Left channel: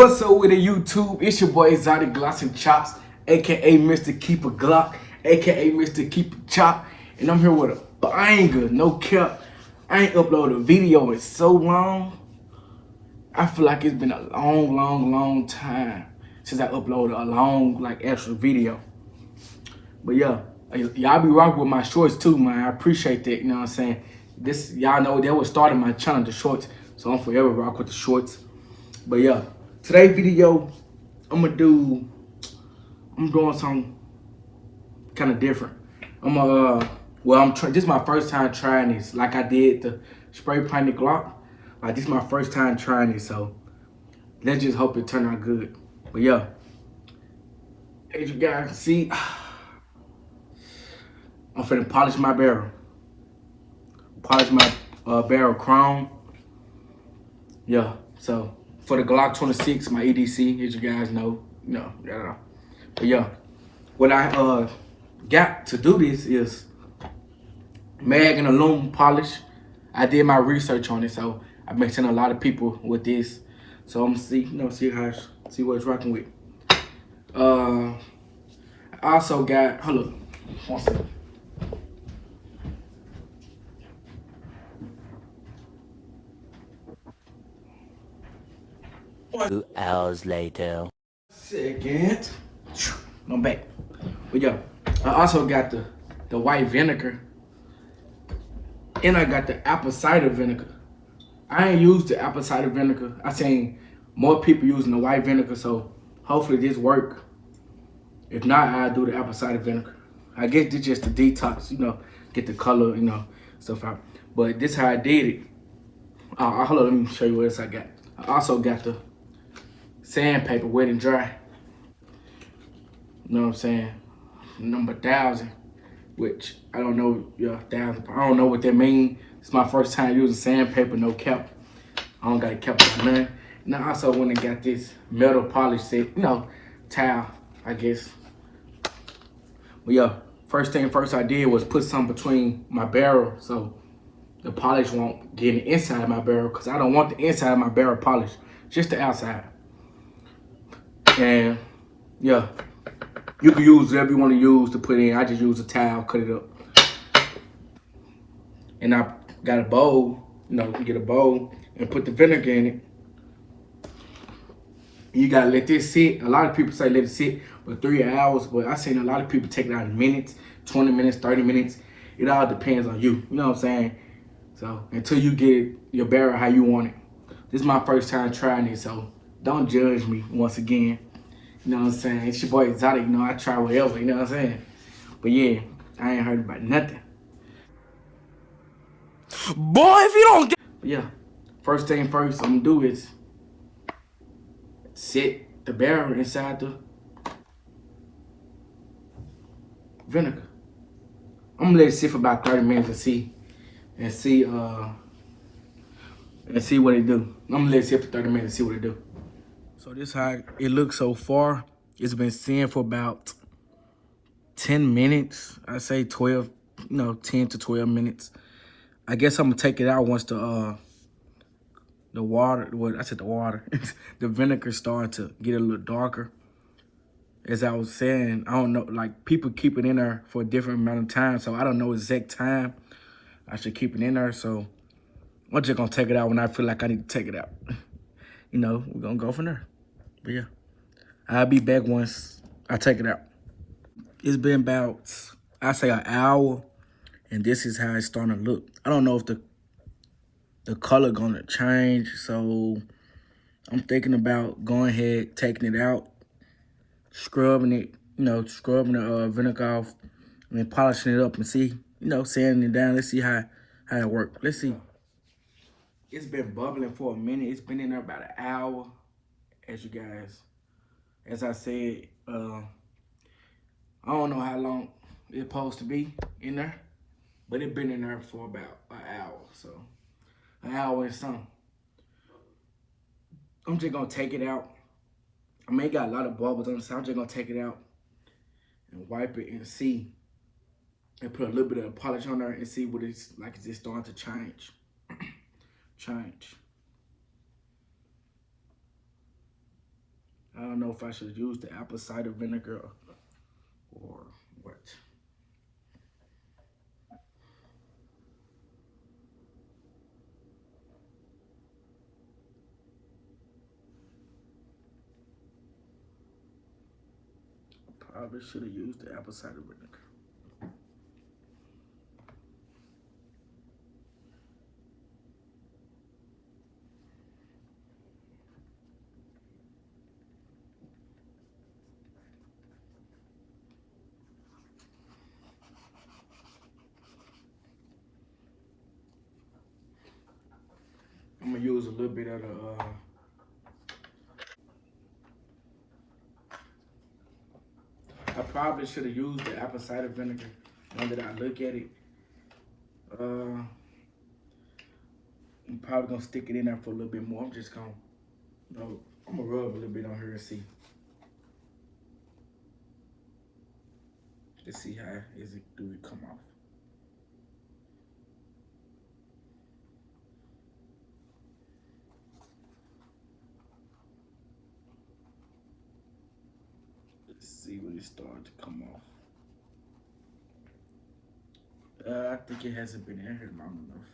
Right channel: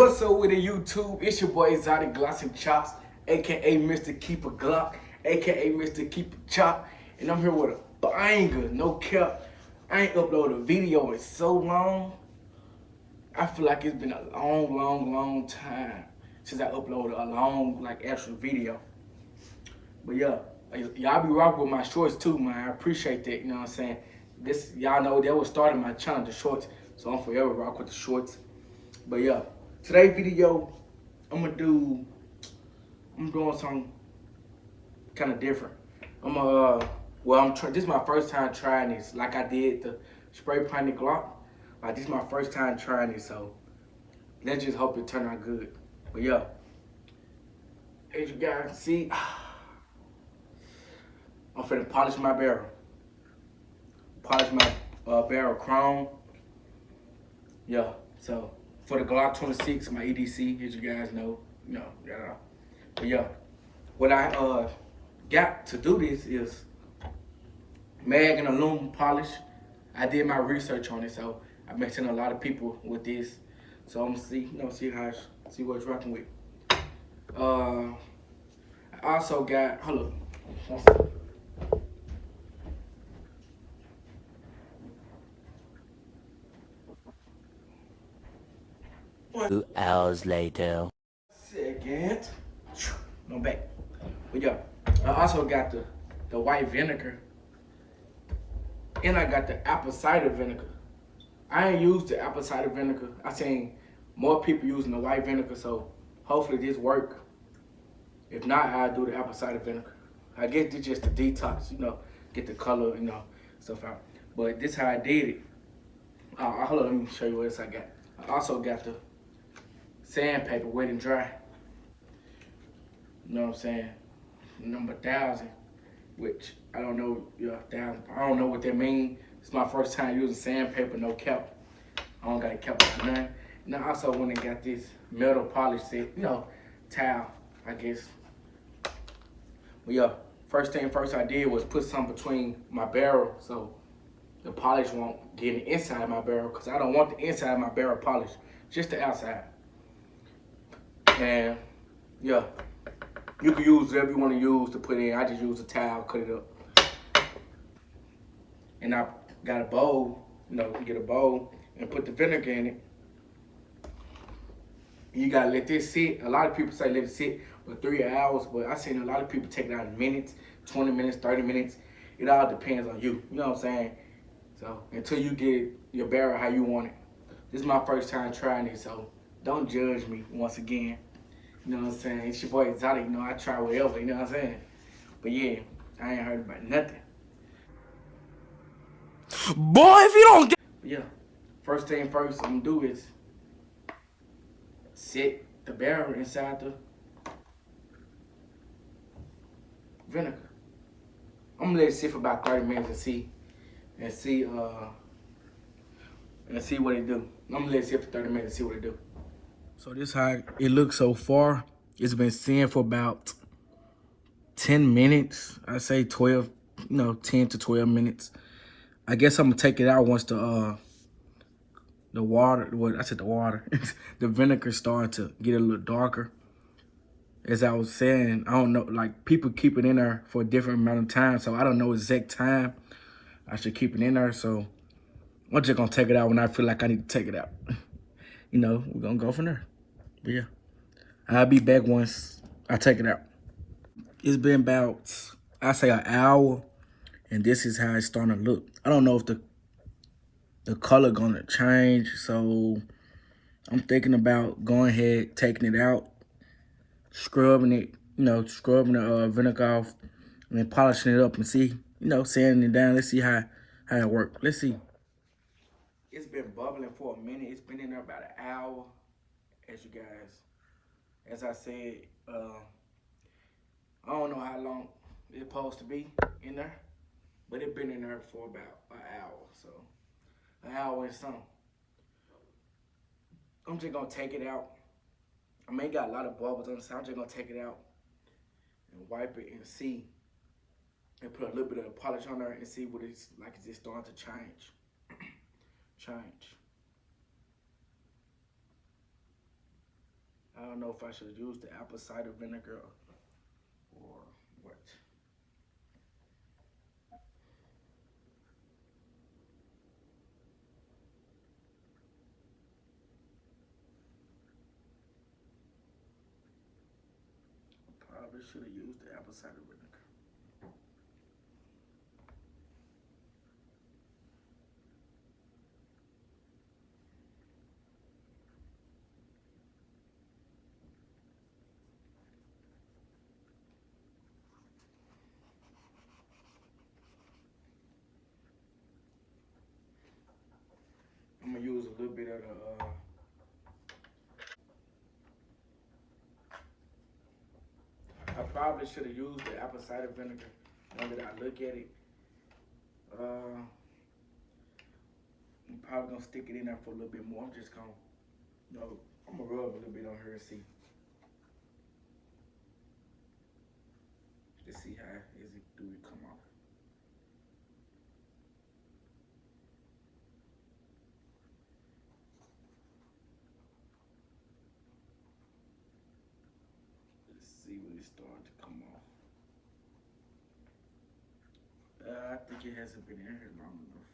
What's up with the YouTube? It's your boy Exotic Gloss and Chops, aka Mr. Keeper Glock, aka Mr. Keeper Chop, and I'm here with a banger, no cap. I ain't uploaded a video in so long. I feel like it's been a long time since I uploaded a long, extra video. But yeah, y'all be rocking with my shorts too, man. I appreciate that, you know what I'm saying? This, y'all know that was starting my channel, the shorts, so I'm forever rock with the shorts. But yeah, today's video, I'm doing something kind of different. This is my first time trying this. Like I did the spray painted Glock. Like this is my first time trying this, so let's just hope it turn out good. But yeah, as you guys can see, I'm finna polish my barrel. Polish my barrel chrome. Yeah, so for the Glock 26, my EDC, as you guys know, But yeah, what I got to do this is mag and aluminum polish. I did my research on it, so I've been seeing a lot of people with this. So I'm gonna see what it's rocking with. I also got, hold up, 1 second. 2 hours later. Second. I'm back. But yeah, I also got the white vinegar. And I got the apple cider vinegar. I ain't used the apple cider vinegar. I seen more people using the white vinegar, so hopefully this work. If not, I'll do the apple cider vinegar. I guess this just the detox, get the color, stuff out. But this how I did it. Hold on, let me show you what else I got. I also got the sandpaper, wet and dry. You know what I'm saying? Number 1,000, which I don't know, 1,000. I don't know what that means. It's my first time using sandpaper, no cap. I don't got a cap about none. And I also went and got this metal polish set, towel, I guess. But yeah, first thing first I did was put some between my barrel so the polish won't get in the inside of my barrel, because I don't want the inside of my barrel polished, just the outside. And yeah, you can use whatever you want to use to put in. I just use a towel, cut it up. And I got a bowl, get a bowl and put the vinegar in it. You gotta let this sit. A lot of people say let it sit for 3 hours, but I've seen a lot of people take it out in minutes, 20 minutes, 30 minutes. It all depends on you, you know what I'm saying? So until you get your barrel how you want it. This is my first time trying it, so don't judge me once again. You know what I'm saying? It's your boy Exotic, I try whatever, you know what I'm saying? But yeah, I ain't heard about nothing. Boy, if you don't get... But yeah, first thing first I'm gonna do is sit the barrel inside the vinegar. I'm gonna let it sit for about 30 minutes and see what it do. I'm gonna let it sit for 30 minutes and see what it do. So this is how it looks so far. It's been sitting for about 10 minutes. I say 12, 10 to 12 minutes. I guess I'm gonna take it out once the water, the vinegar started to get a little darker. As I was saying, I don't know, people keep it in there for a different amount of time, so I don't know exact time I should keep it in there. So I'm just gonna take it out when I feel like I need to take it out. We're gonna go from there. But yeah, I'll be back once I take it out. It's been about, I say, an hour, and this is how it's starting to look. I don't know if the color gonna change, so I'm thinking about going ahead, taking it out, scrubbing it, scrubbing the vinegar off, and then polishing it up and see, sanding it down. Let's see how it works. Let's see. It's been bubbling for a minute. It's been in there about an hour, as I said, I don't know how long it's supposed to be in there, but it's been in there for about an hour, so an hour and something. I'm just gonna take it out. I mean, it got a lot of bubbles on the side. I'm just gonna take it out and wipe it and see, and put a little bit of polish on there and see what it's like. Is it starting to change? change. I don't know if I should use the apple cider vinegar or what. Probably should have used the apple cider vinegar. I'm gonna use a little bit of the I probably should have used the apple cider vinegar. Now that I look at it, I'm probably gonna stick it in there for a little bit more. I'm just gonna, I'm gonna rub a little bit on her and see. Let's see how do it come off. Let's see when it starts to come off. I think it hasn't been in here long enough.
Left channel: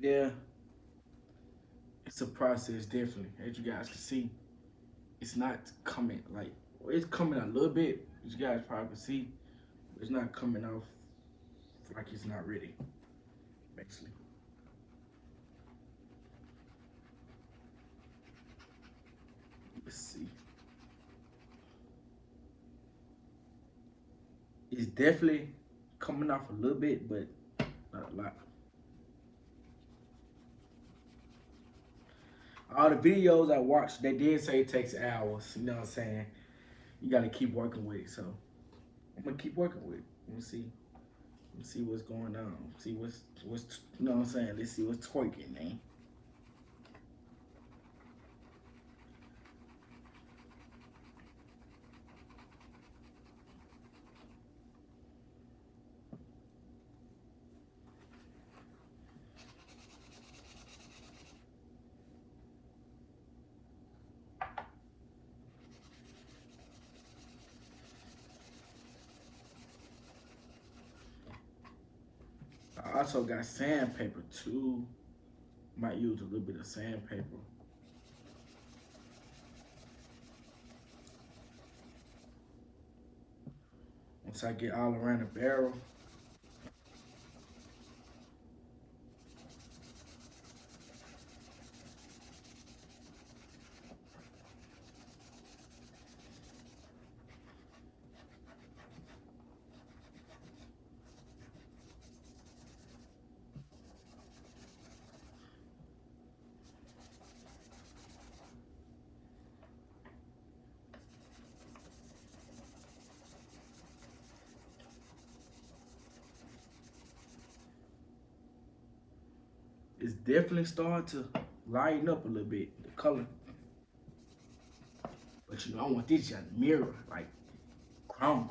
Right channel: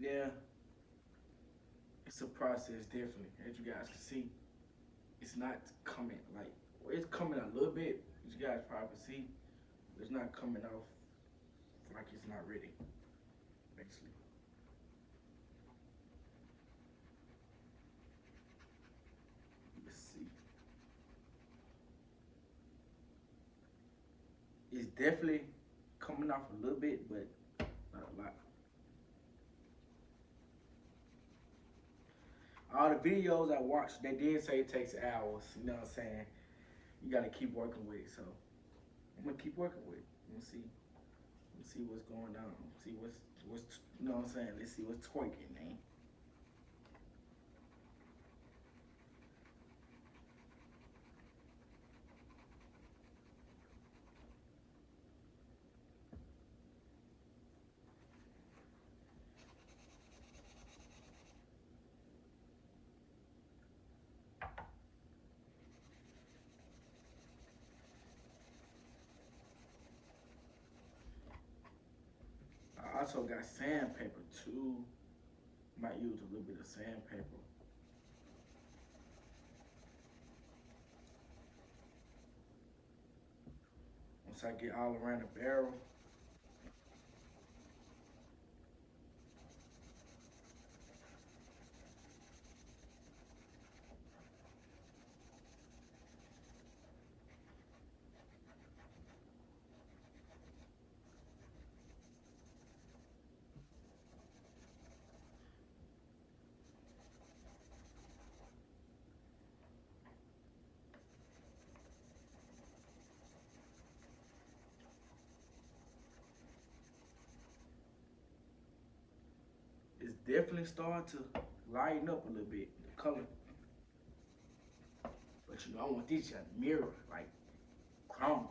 Yeah, it's a process, definitely. As you guys can see, it's not coming like, it's coming a little bit, as you guys probably can see. It's not coming off like it's not ready, basically. Let's see. It's definitely coming off a little bit, but not a lot. All the videos I watched, they did say it takes hours. You know what I'm saying? You got to keep working with it. So I'm gonna keep working with it. Let's see. Let's see what's going on. See what's you know what I'm saying? Let's see what's twerking, man. I also got sandpaper too. Might use a little bit of sandpaper. Once I get all around the barrel, it's definitely starting to lighten up a little bit, the color. But you know, I want this to mirror, like chrome.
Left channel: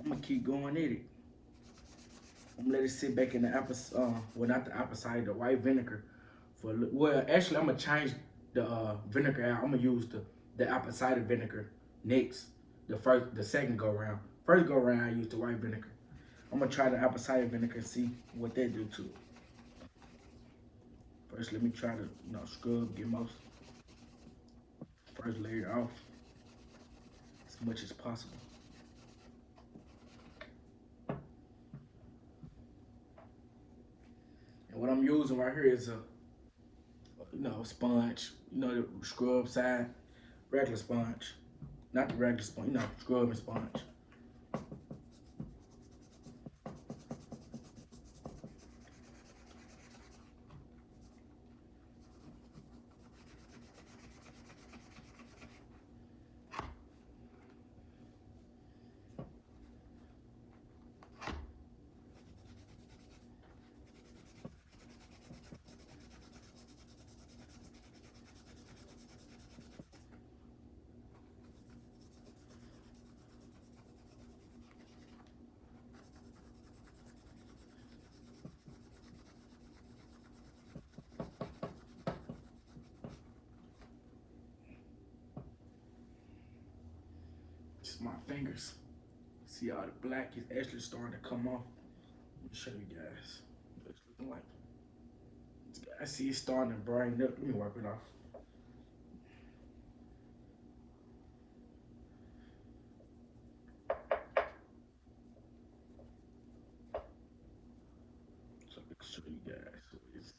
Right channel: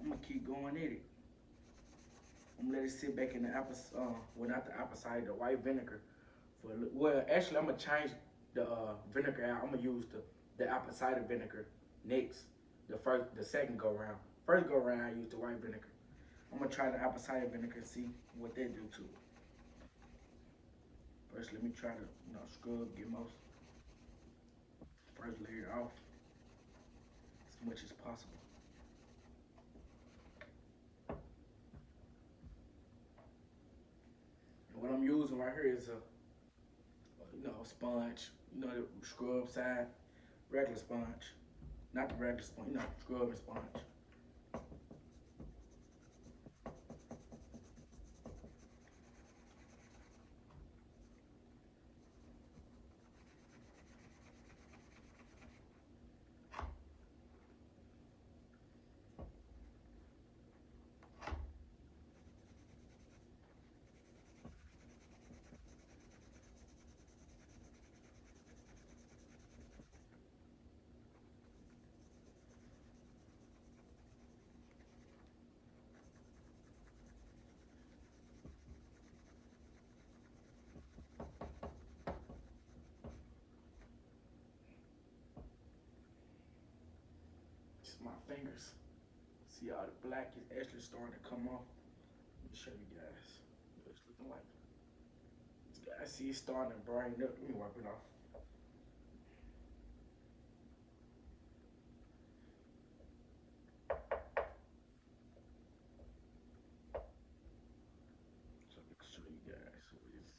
I'm gonna keep going at it. I'm gonna let it sit back in the apple, well, not the apple cider, the white vinegar for a little. Well, actually, I'm gonna change the vinegar out. I'm gonna use the apple cider vinegar next. The second go round. First go round, I use the white vinegar. I'm gonna try the apple cider vinegar and see what that do to it. First, let me try to scrub, get most first layer off as much as possible. And what I'm using right here is a sponge, the scrub side, regular sponge, not the regular sponge, scrubbing sponge. So my fingers, see all the black is actually starting to come off. Let me show you guys what it's looking like. I see it's starting to brighten up. Let me wipe it off. So I can show you guys what it's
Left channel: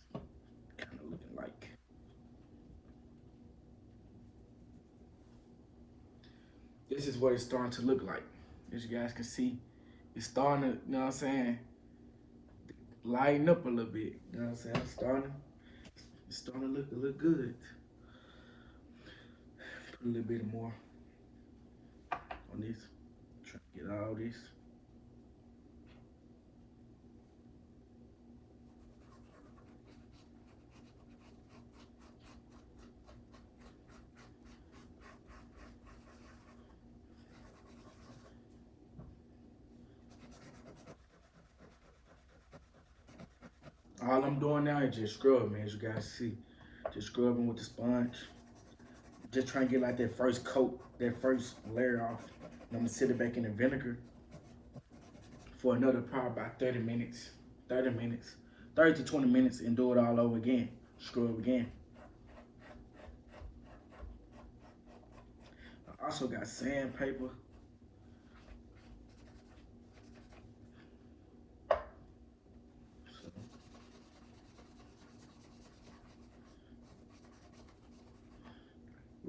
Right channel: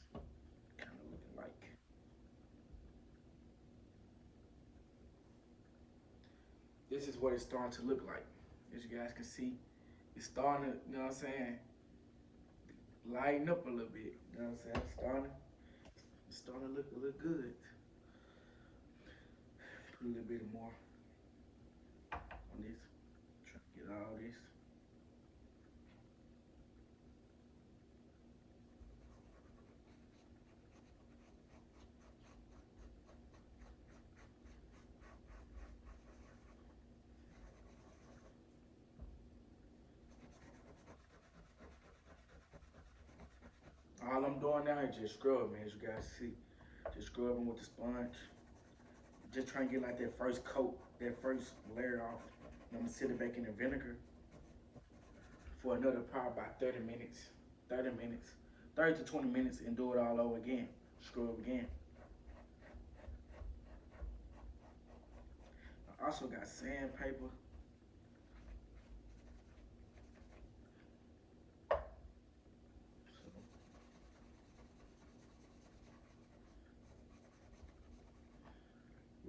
kind of looking like. This is what it's starting to look like. As you guys can see, it's starting to, you know what I'm saying, lighten up a little bit. You know what I'm saying? It's starting to look good. Put a little bit more on this. Try to get all this. All I'm doing now is just scrubbing, as you guys see. Just scrubbing with the sponge. Just trying to get like that first coat, that first layer off. And I'm gonna sit it back in the vinegar for another probably about 30 minutes. 30 minutes. 30 to 20 minutes and do it all over again. Scrub again. I also got sandpaper.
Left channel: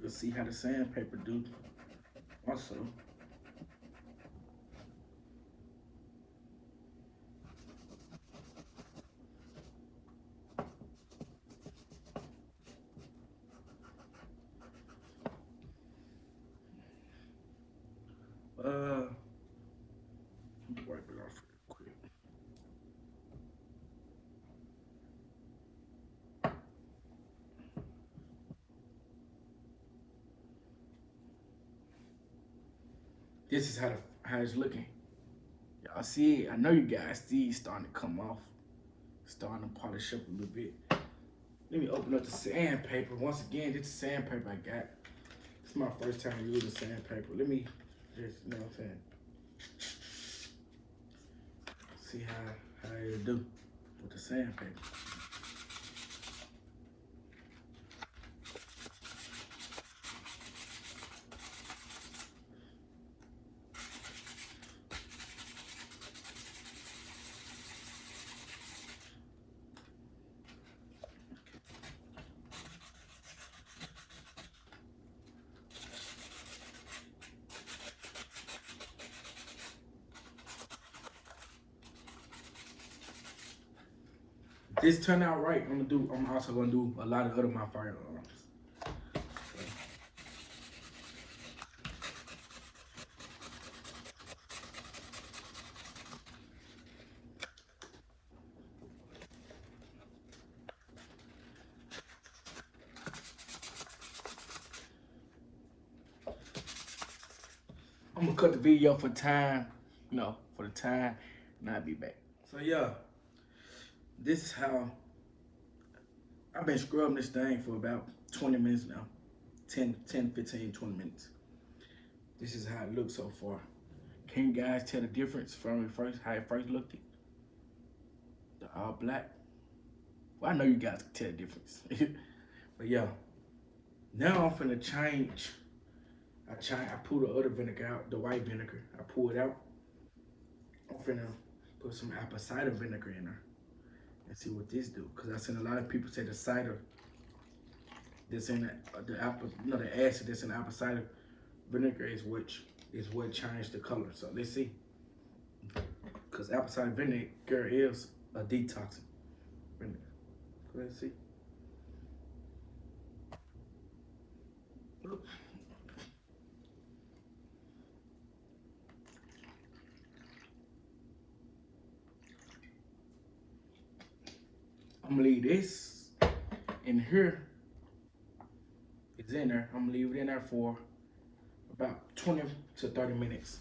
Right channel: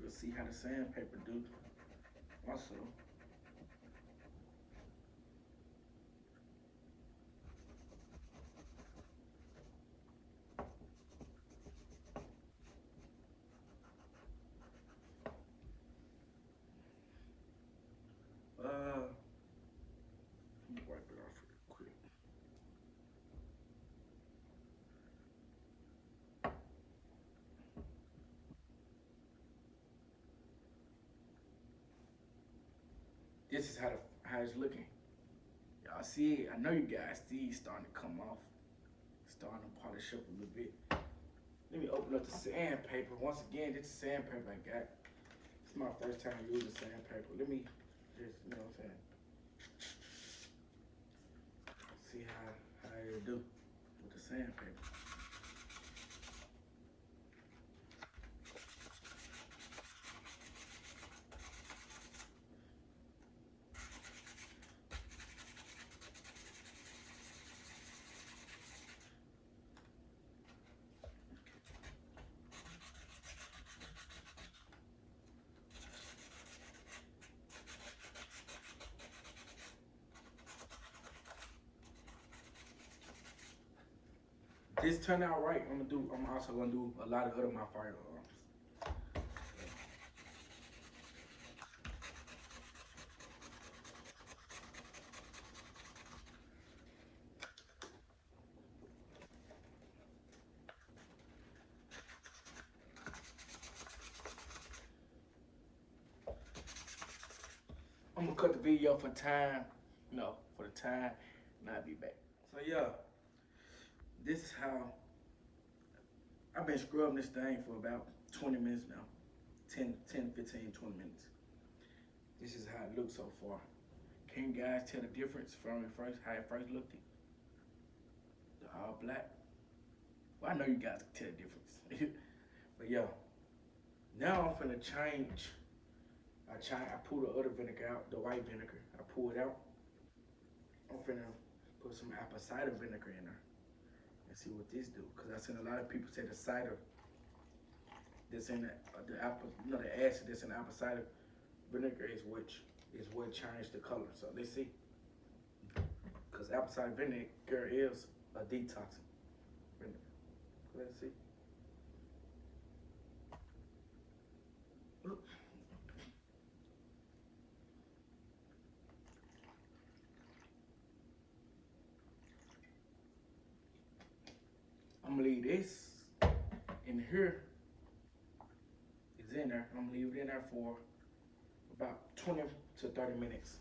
We'll see how the sandpaper do. Also, let me wipe it off real quick. This is how it's looking. Y'all see it? I know you guys see it starting to come off. Starting to polish up a little bit. Let me open up the sandpaper. Once again, this is sandpaper I got. It's my first time using sandpaper. Let me just, you know what I'm saying, see how it do with the sandpaper. This turned out right. I'm also gonna do a lot of other my firearms. I'm gonna cut the video for time, for the time, and I'll be back. So yeah, this is how I've been scrubbing this thing for about 20 minutes now. 10, 15, 20 minutes. This is how it looks so far. Can you guys tell the difference from how it first looked? The all black. Well, I know you guys can tell the difference. But yeah, now I'm finna change. I pull the other vinegar out, the white vinegar. I pull it out. I'm finna put some apple cider vinegar in there and see what this do. Cause I seen a lot of people say the cider that's in the apple, the acid that's in the apple cider vinegar is what changed the color. So let's see. Cause apple cider vinegar is a detoxing vinegar. Let's see. Oops. I'm gonna leave this in here. It's in there. I'm gonna leave it in there for about 20 to 30 minutes.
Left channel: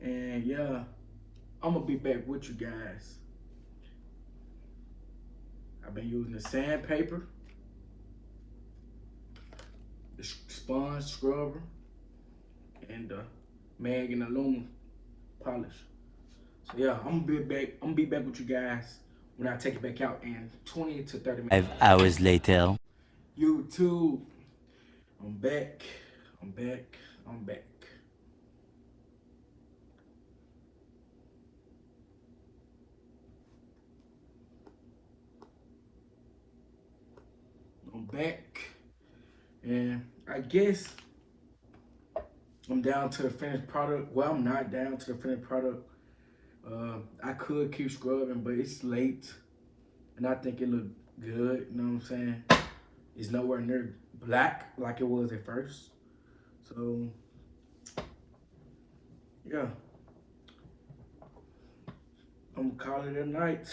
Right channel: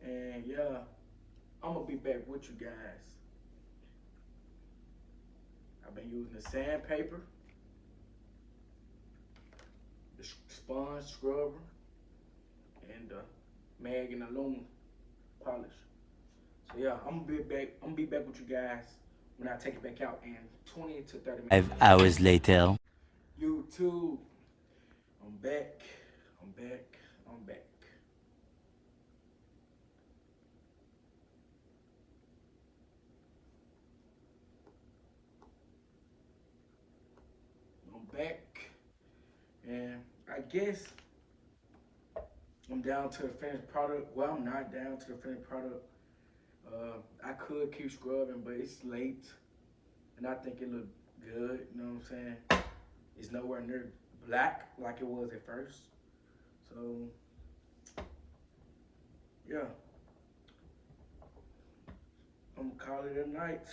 And yeah, I'm gonna be back with you guys. I've been using the sandpaper, the sponge scrubber, and the mag and aluminum polish. So yeah, I'm gonna be back with you guys when I take it back out in 20 to 30 minutes. 5 hours later. YouTube, I'm back. I'm back. I'm back. I'm back. And I guess I'm down to the finished product. Well, I'm not down to the finished product. I could keep scrubbing, but it's late. And I think it looked good, you know what I'm saying? It's nowhere near black like it was at first. So, yeah. I'm gonna call it a night,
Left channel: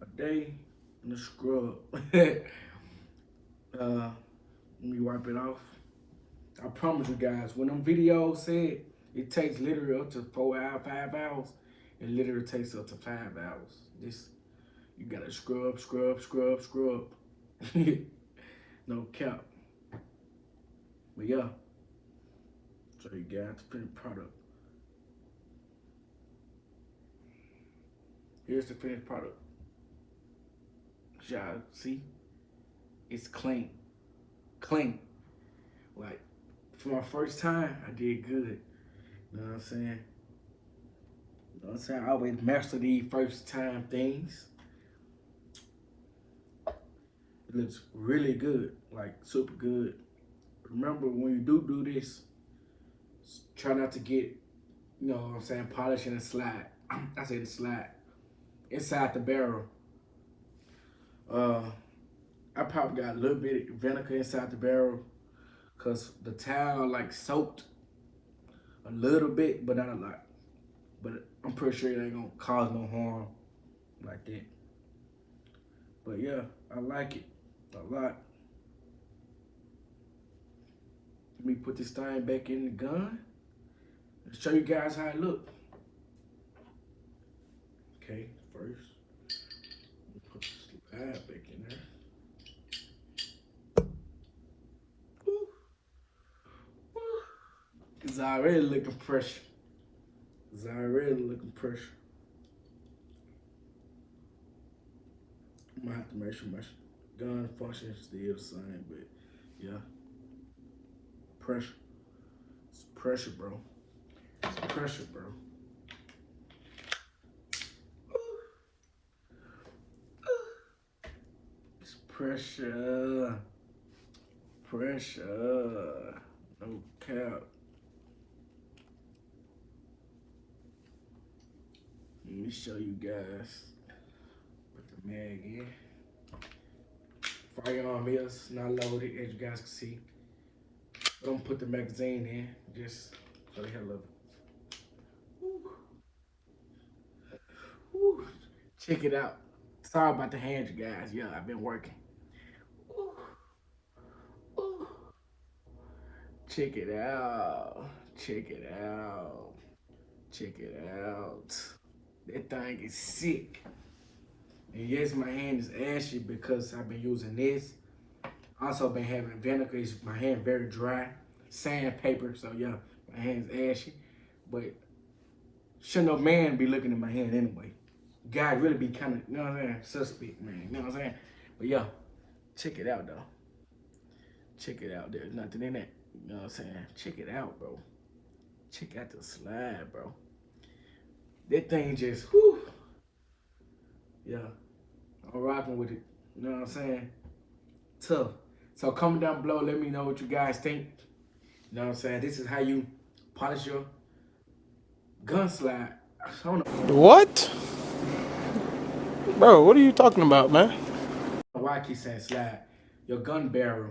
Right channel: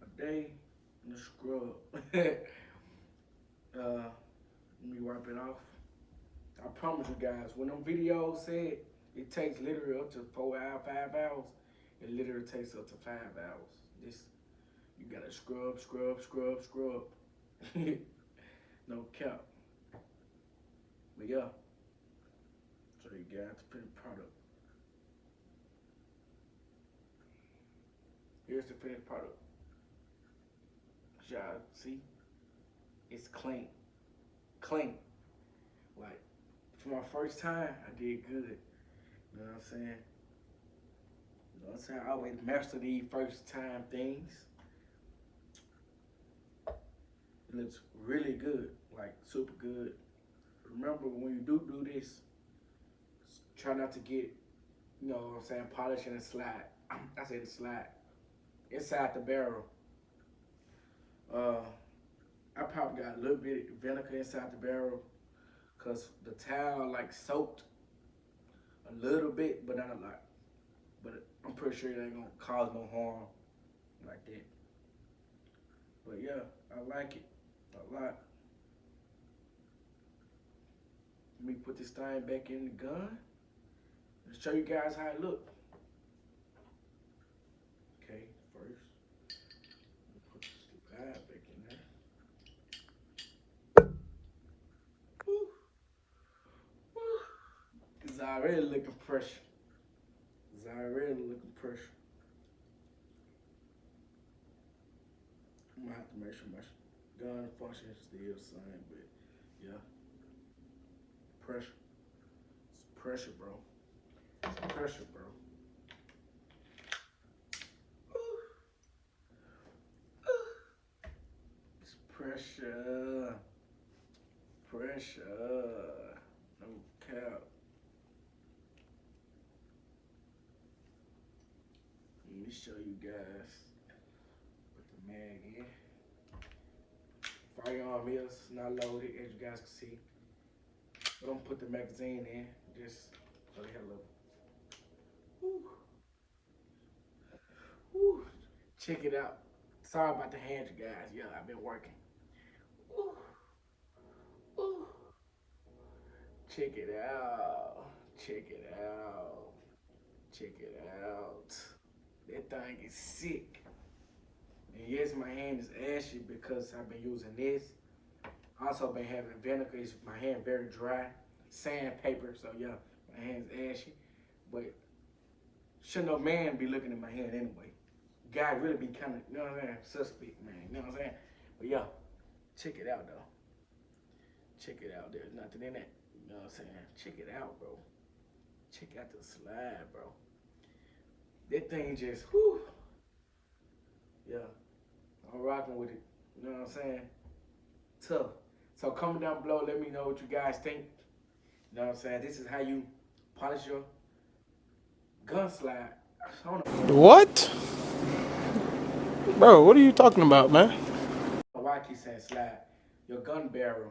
a day, and a scrub. Let me wipe it off. I promise you guys, when them videos said it takes literally up to 4 hours, 5 hours, it literally takes up to 5 hours. This, you gotta scrub, scrub, scrub, scrub. No cap. But yeah, so you got the finished product. Here's the finished product. Y'all see? It's clean. Clean. Like, for my first time, I did good. You know what I'm saying? You know what I'm saying? I always master these first time things. It looks really good, like super good. Remember, when you do this, try not to get, you know what I'm saying, polish and slide. I said slide. Inside the barrel. I probably got a little bit of vinegar inside the barrel because the towel like soaked a little bit, but not a lot. But I'm pretty sure it ain't gonna cause no harm like that. But yeah, I like it a lot. Let me put this thing back in the gun. Let's show you guys how it look. Okay, first, put the slide back in there. Woo. Woo. It's already looking pressure. It's already looking pressure. I'm gonna have to make sure my gun function is still the same, but yeah. Pressure. It's pressure, bro. It's pressure, bro. It's pressure. Pressure. No cap. Let me show you guys. Put the mag in. Firearm is not loaded, as you guys can see. But I'm gonna put the magazine in, just so they have a little. Woo. Woo. Check it out. Sorry about the hands, you guys. Yeah, I've been working. Ooh. Ooh. Check it out. Check it out. Check it out. That thing is sick. And yes, my hand is ashy because I've been using this. Also been having vinegar. It's my hand very dry. Sandpaper, so yeah, my hand's ashy. But should no man be looking at my hand anyway. Guys really be kind of, you know what I'm saying, suspect, man. You know what I'm saying? But yeah, check it out though. Check it out. There's nothing in it. You know what I'm saying? Check it out, bro. Check out the slide, bro. That thing just, whew. Yeah, I'm rocking with it. You know what I'm saying? Tough. So comment down below, let me know what you guys think. You know what I'm saying? This is how you polish your gun slide. I don't know. What? Bro, what are you talking about, man? Why I keep saying slide? Your gun barrel.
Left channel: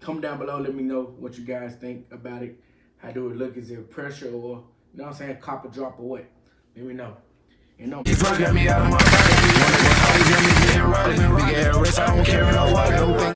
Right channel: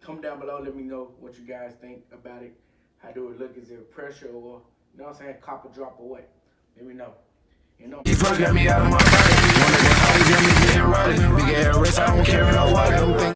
Comment down below, let me know what you guys think about it. How do it look? Is it pressure or, you know what I'm saying, copper drop or what? Let me know. You know,